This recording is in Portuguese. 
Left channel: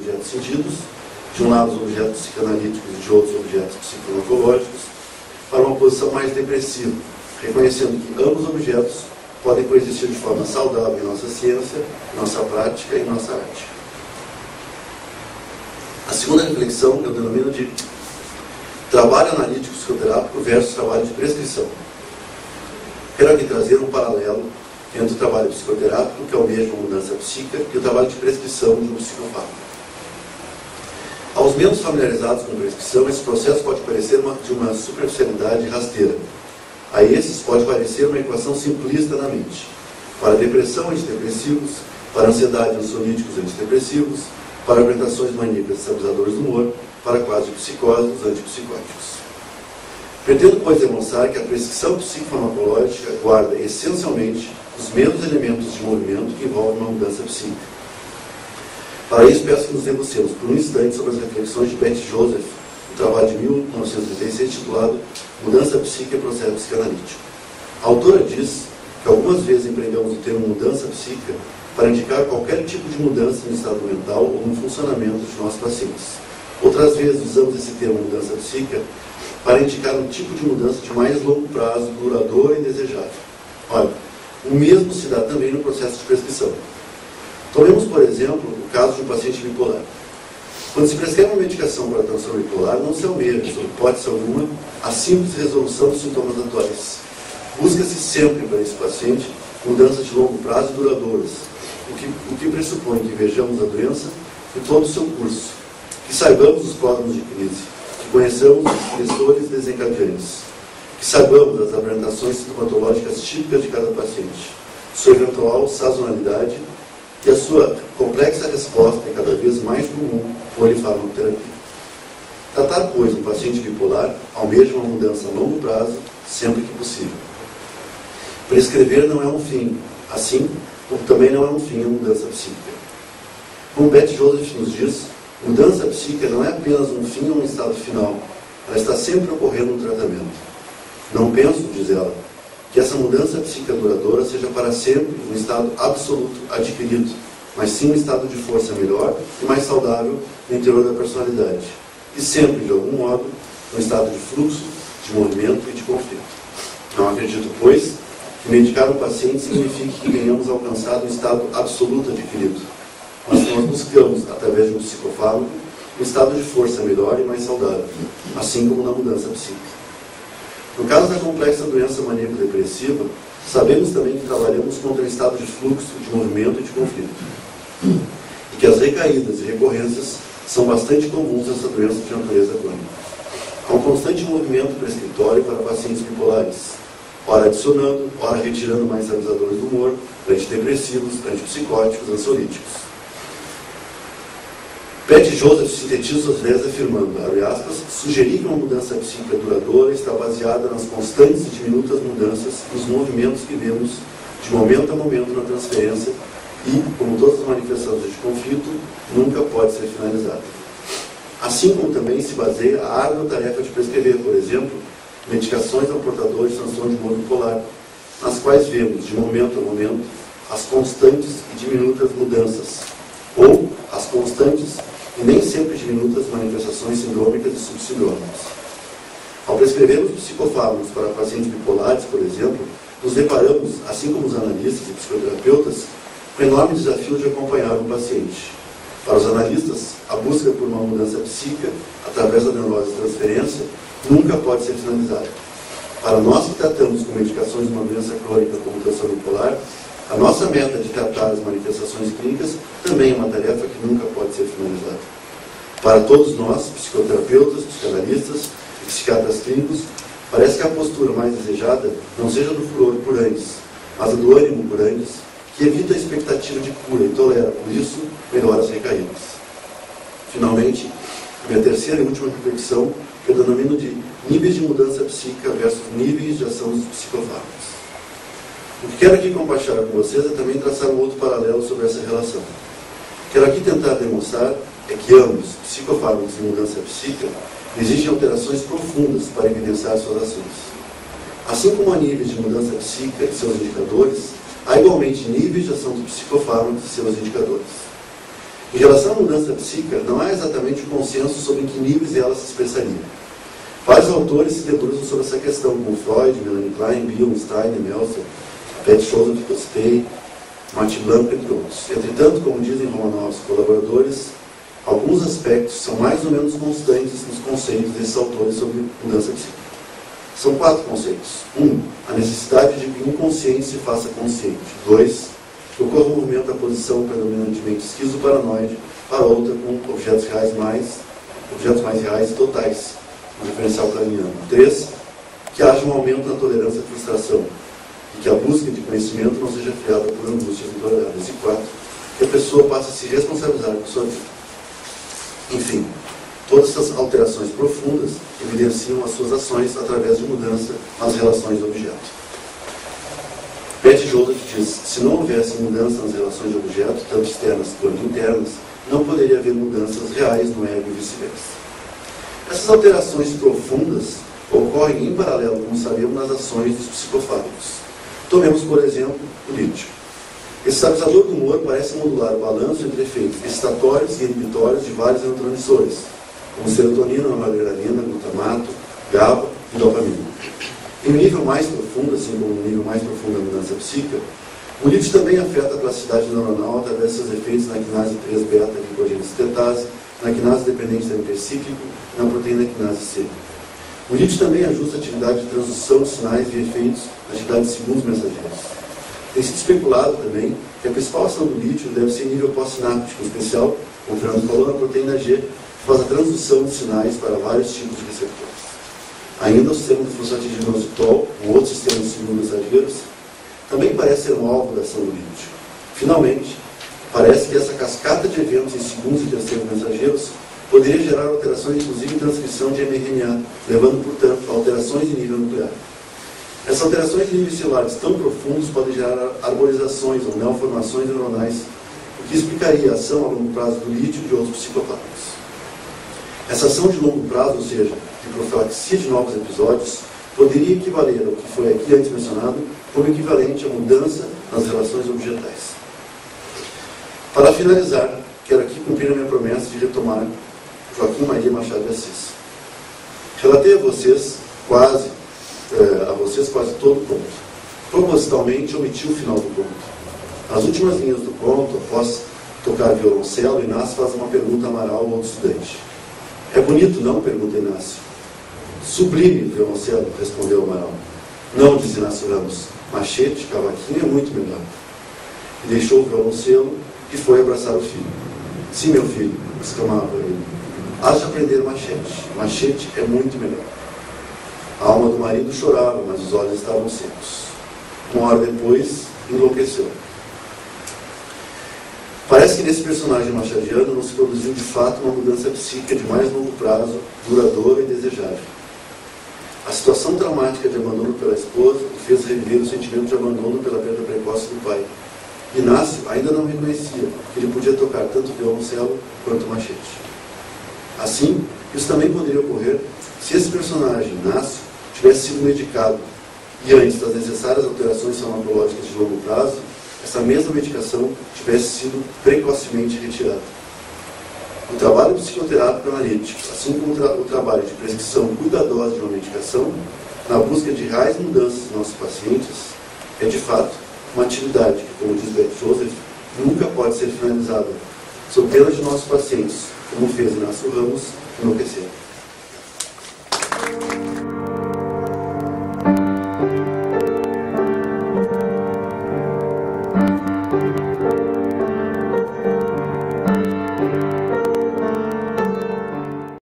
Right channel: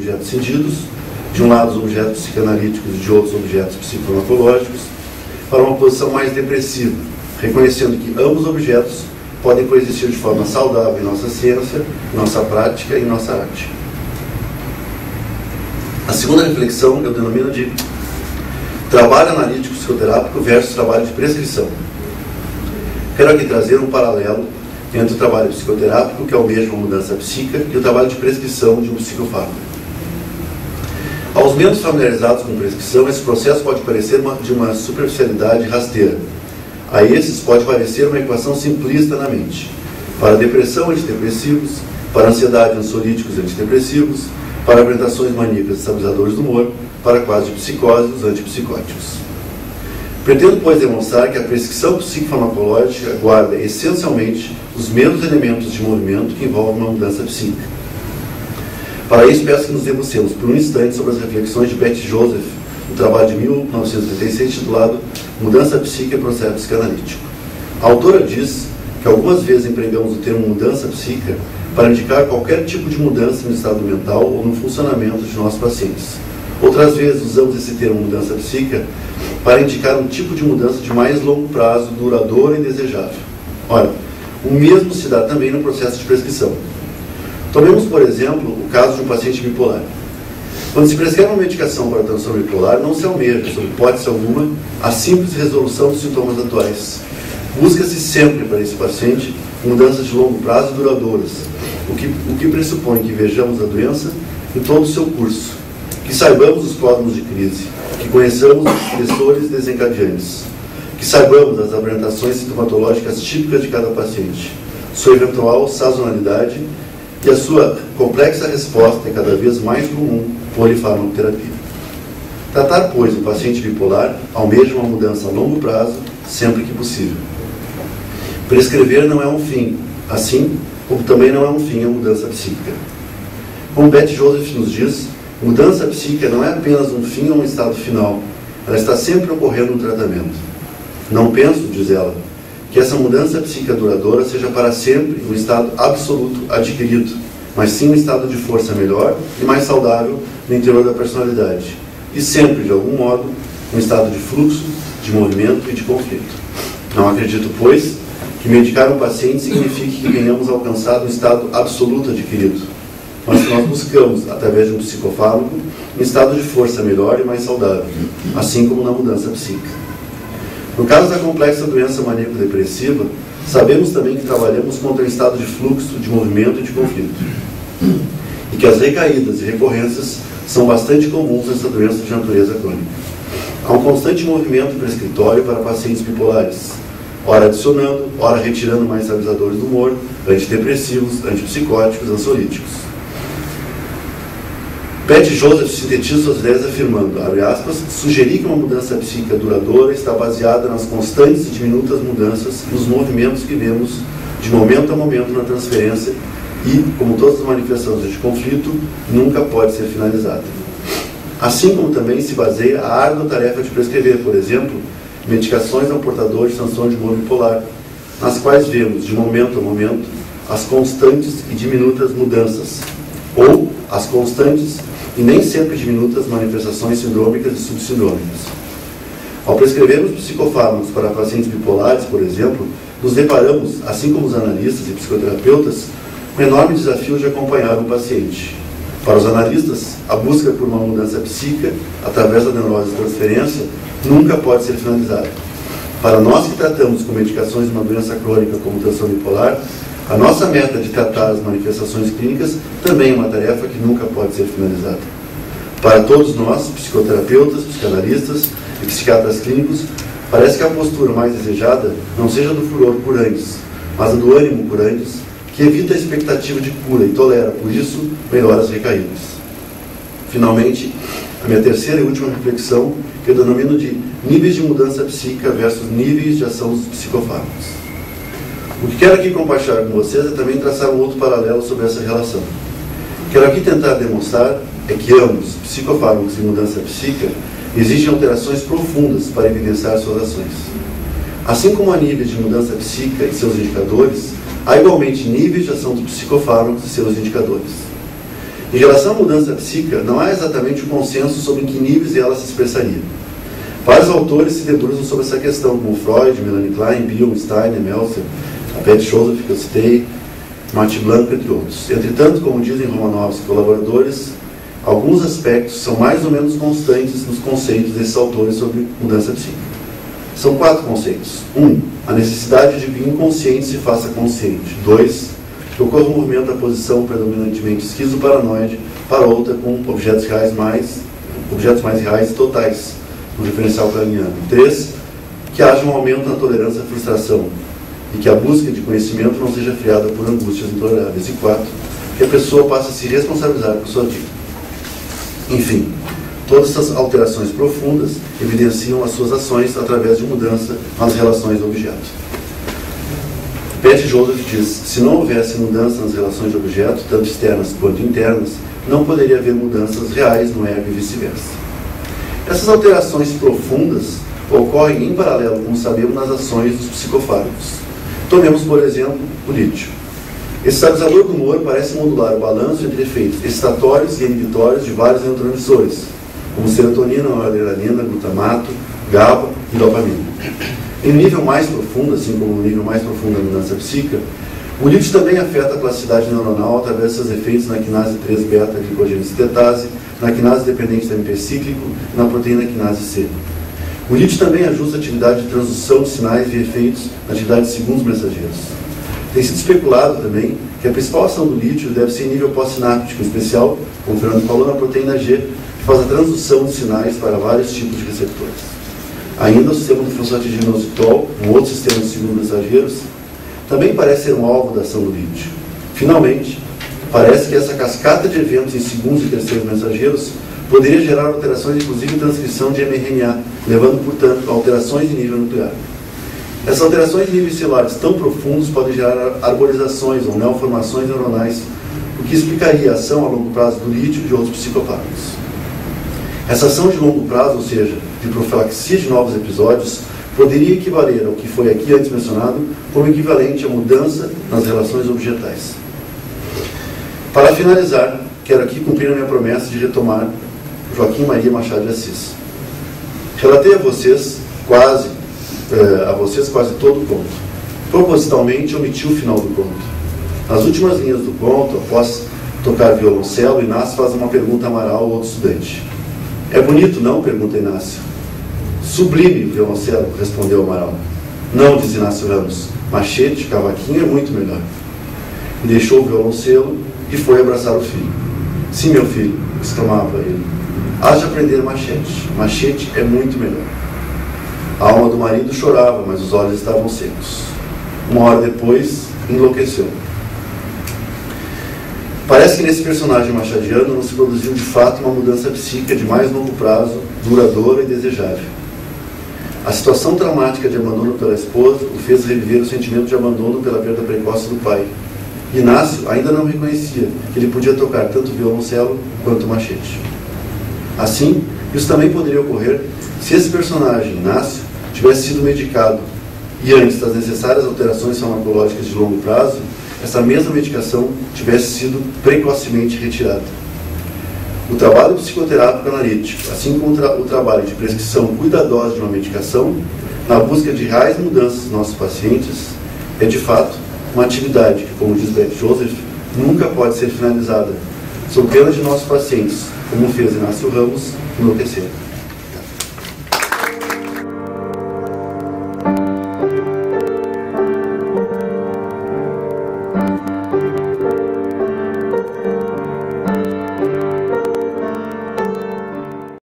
objetos sentidos, de um lado os objetos psicanalíticos e de outros objetos psicofarmacológicos, para uma posição mais depressiva, reconhecendo que ambos objetos podem coexistir de forma saudável em nossa ciência, nossa prática e nossa arte. A segunda reflexão eu denomino de trabalho analítico psicoterápico versus trabalho de prescrição. Quero aqui trazer um paralelo entre o trabalho psicoterápico, que almeja uma mudança psíquica, e o trabalho de prescrição de um psicofármaco. Aos menos familiarizados com prescrição, esse processo pode parecer de uma superficialidade rasteira. A esses pode parecer uma equação simplista na mente. Para depressão, antidepressivos; para ansiedade, ansiolíticos antidepressivos; para apresentações maníacas, estabilizadores do humor; para quadros de psicose, os antipsicóticos. Pretendo, pois, demonstrar que a prescrição psicofarmacológica guarda essencialmente os mesmos elementos de movimento que envolvem uma mudança psíquica. Para isso, peço que nos debrucemos por um instante sobre as reflexões de Betty Joseph, no trabalho de 1986, titulado Mudança Psíquica e Processo Psicanalítico. A autora diz que algumas vezes empregamos o termo mudança psíquica para indicar qualquer tipo de mudança no estado mental ou no funcionamento de nossos pacientes. Outras vezes usamos esse termo mudança psíquica para indicar um tipo de mudança de mais longo prazo, duradoura e desejável. Ora, o mesmo se dá também no processo de prescrição. Tomemos, por exemplo, o caso de um paciente bipolar. Quando se prescreve uma medicação para a transtorno bipolar, não se almeja, sob hipótese alguma, a simples resolução dos sintomas atuais. Busca-se sempre para esse paciente mudanças de longo prazo e duradouras, o que pressupõe que vejamos a doença em todo o seu curso, que saibamos os pródromos de crise, que conheçamos os estressores desencadeantes, que saibamos as apresentações sintomatológicas típicas de cada paciente, sua eventual sazonalidade e a sua complexa resposta é cada vez mais comum, polifarmacoterapia. Tratar, pois, um paciente bipolar almeja uma mudança a longo prazo, sempre que possível. Prescrever não é um fim, assim como também não é um fim a mudança psíquica. Como Betty Joseph nos diz, mudança psíquica não é apenas um fim ou um estado final, ela está sempre ocorrendo no tratamento. Não penso, diz ela, que essa mudança psíquica duradoura seja para sempre um estado absoluto adquirido, mas sim um estado de força melhor e mais saudável no interior da personalidade, e sempre, de algum modo, um estado de fluxo, de movimento e de conflito. Não acredito, pois, que medicar um paciente signifique que tenhamos alcançado um estado absoluto adquirido, mas que nós buscamos, através de um psicofármaco, um estado de força melhor e mais saudável, assim como na mudança psíquica. No caso da complexa doença maníaco-depressiva, sabemos também que trabalhamos contra um estado de fluxo, de movimento e de conflito, e que as recaídas e recorrências são bastante comuns nessa doença de natureza crônica. Há um constante movimento prescritório para pacientes bipolares, ora adicionando, ora retirando mais estabilizadores do humor, antidepressivos, antipsicóticos, ansiolíticos. Betty Joseph sintetiza suas ideias afirmando, abre aspas, sugerir que uma mudança psíquica duradoura está baseada nas constantes e diminutas mudanças nos movimentos que vemos de momento a momento na transferência e, como todas as manifestações de conflito, nunca pode ser finalizada. Assim como também se baseia a árdua tarefa de prescrever, por exemplo, medicações ao portador de transtorno de humor bipolar, nas quais vemos, de momento a momento, as constantes e diminutas mudanças, ou as constantes e nem sempre diminutas manifestações sindrômicas e subsindrômicas. Ao prescrevermos psicofármacos para pacientes bipolares, por exemplo, nos deparamos, assim como os analistas e psicoterapeutas, com o enorme desafio de acompanhar um paciente. Para os analistas, a busca por uma mudança psíquica, através da neurose de transferência, nunca pode ser finalizada. Para nós que tratamos com medicações de uma doença crônica como o transtorno bipolar, a nossa meta de tratar as manifestações clínicas também é uma tarefa que nunca pode ser finalizada. Para todos nós, psicoterapeutas, psicanalistas e psiquiatras clínicos, parece que a postura mais desejada não seja do furor curantes, mas a do ânimo curantes, que evita a expectativa de cura e tolera, por isso, melhora as recaídas. Finalmente, a minha terceira e última reflexão, que eu denomino de níveis de mudança psíquica versus níveis de ação dos psicofármacos. O que quero aqui compartilhar com vocês é também traçar um outro paralelo sobre essa relação. Quero aqui tentar demonstrar é que ambos, psicofármacos e mudança psíquica, exigem alterações profundas para evidenciar suas ações. Assim como há níveis de mudança psíquica e seus indicadores, há igualmente níveis de ação dos psicofármacos e seus indicadores. Em relação à mudança psíquica, não há exatamente um consenso sobre em que níveis ela se expressaria. Vários autores se debruçam sobre essa questão, como Freud, Melanie Klein, Bill, Steiner, Meltzer, a Pat Joseph, que eu citei, Martin Blanco, entre outros. Entretanto, como dizem Romanovs e colaboradores, alguns aspectos são mais ou menos constantes nos conceitos desses autores sobre mudança psíquica. São 4 conceitos. 1. A necessidade de que o inconsciente se faça consciente. 2. Que ocorra um movimento da posição predominantemente esquizoparanoide para outra com objetos mais reais e totais, no referencial craniano. 3. Que haja um aumento na tolerância à frustração e que a busca de conhecimento não seja friada por angústias intoleráveis. E 4. Que a pessoa passe a se responsabilizar por sua vida. Enfim, todas essas alterações profundas evidenciam as suas ações através de mudança nas relações do objeto. Pat Joseph diz: se não houvesse mudança nas relações de objeto, tanto externas quanto internas, não poderia haver mudanças reais no ego e vice-versa. Essas alterações profundas ocorrem em paralelo, como sabemos, nas ações dos psicofármacos. Tomemos, por exemplo, o lítio. Esse estabilizador do humor parece modular o balanço entre efeitos excitatórios e inibitórios de vários neurotransmissores, como serotonina, noradrenalina, glutamato, GABA e dopamina. Em nível mais profundo, assim como no nível mais profundo da mudança psíquica, o lítio também afeta a plasticidade neuronal através de seus efeitos na quinase 3-beta-glicogênese tetase, na quinase dependente da MP cíclico e na proteína quinase C. O lítio também ajusta a atividade de transdução de sinais via efeitos na atividade de segundos mensageiros. Tem sido especulado também que a principal ação do lítio deve ser em nível pós-sináptico, em especial, como o Fernando falou, na proteína G, que faz a transdução de sinais para vários tipos de receptores. Ainda o sistema do fosfatidinoxitol, um outro sistema de segundos mensageiros, também parece ser um alvo da ação do lítio. Finalmente, parece que essa cascata de eventos em segundos e terceiros mensageiros poderia gerar alterações, inclusive em transcrição de mRNA, levando, portanto, a alterações em nível nuclear. Essas alterações em níveis celulares tão profundos podem gerar arborizações ou neoformações neuronais, o que explicaria a ação a longo prazo do lítio e de outros psicofármacos. Essa ação de longo prazo, ou seja, de profilaxia de novos episódios, poderia equivaler ao que foi aqui antes mencionado como equivalente à mudança nas relações objetais. Para finalizar, quero aqui cumprir a minha promessa de retomar Joaquim Maria Machado de Assis. Relatei a vocês quase todo o conto. Propositalmente omiti o final do conto. Nas últimas linhas do conto, após tocar violoncelo, Inácio faz uma pergunta a Amaral, outro estudante. É bonito, não? Pergunta Inácio. Sublime o violoncelo, respondeu Amaral. Não, diz Inácio Ramos. Machete, cavaquinho é muito melhor. E deixou o violoncelo e foi abraçar o filho. Sim, meu filho, exclamava ele. Hás de aprender machete. Machete é muito melhor. A alma do marido chorava, mas os olhos estavam secos. Uma hora depois, enlouqueceu. Parece que nesse personagem machadiano não se produziu de fato uma mudança psíquica de mais longo prazo, duradoura e desejável. A situação traumática de abandono pela esposa o fez reviver o sentimento de abandono pela perda precoce do pai. Inácio ainda não reconhecia que ele podia tocar tanto violoncelo quanto machete. Assim, isso também poderia ocorrer se esse personagem, Inácio, tivesse sido medicado e antes das necessárias alterações farmacológicas de longo prazo, essa mesma medicação tivesse sido precocemente retirada. O trabalho psicoterápico analítico, assim como o trabalho de prescrição cuidadosa de uma medicação, na busca de reais mudanças nos nossos pacientes, é de fato uma atividade que, como diz Pat Joseph, nunca pode ser finalizada, sob pena de nossos pacientes, como fez Inácio Ramos, enlouquecer.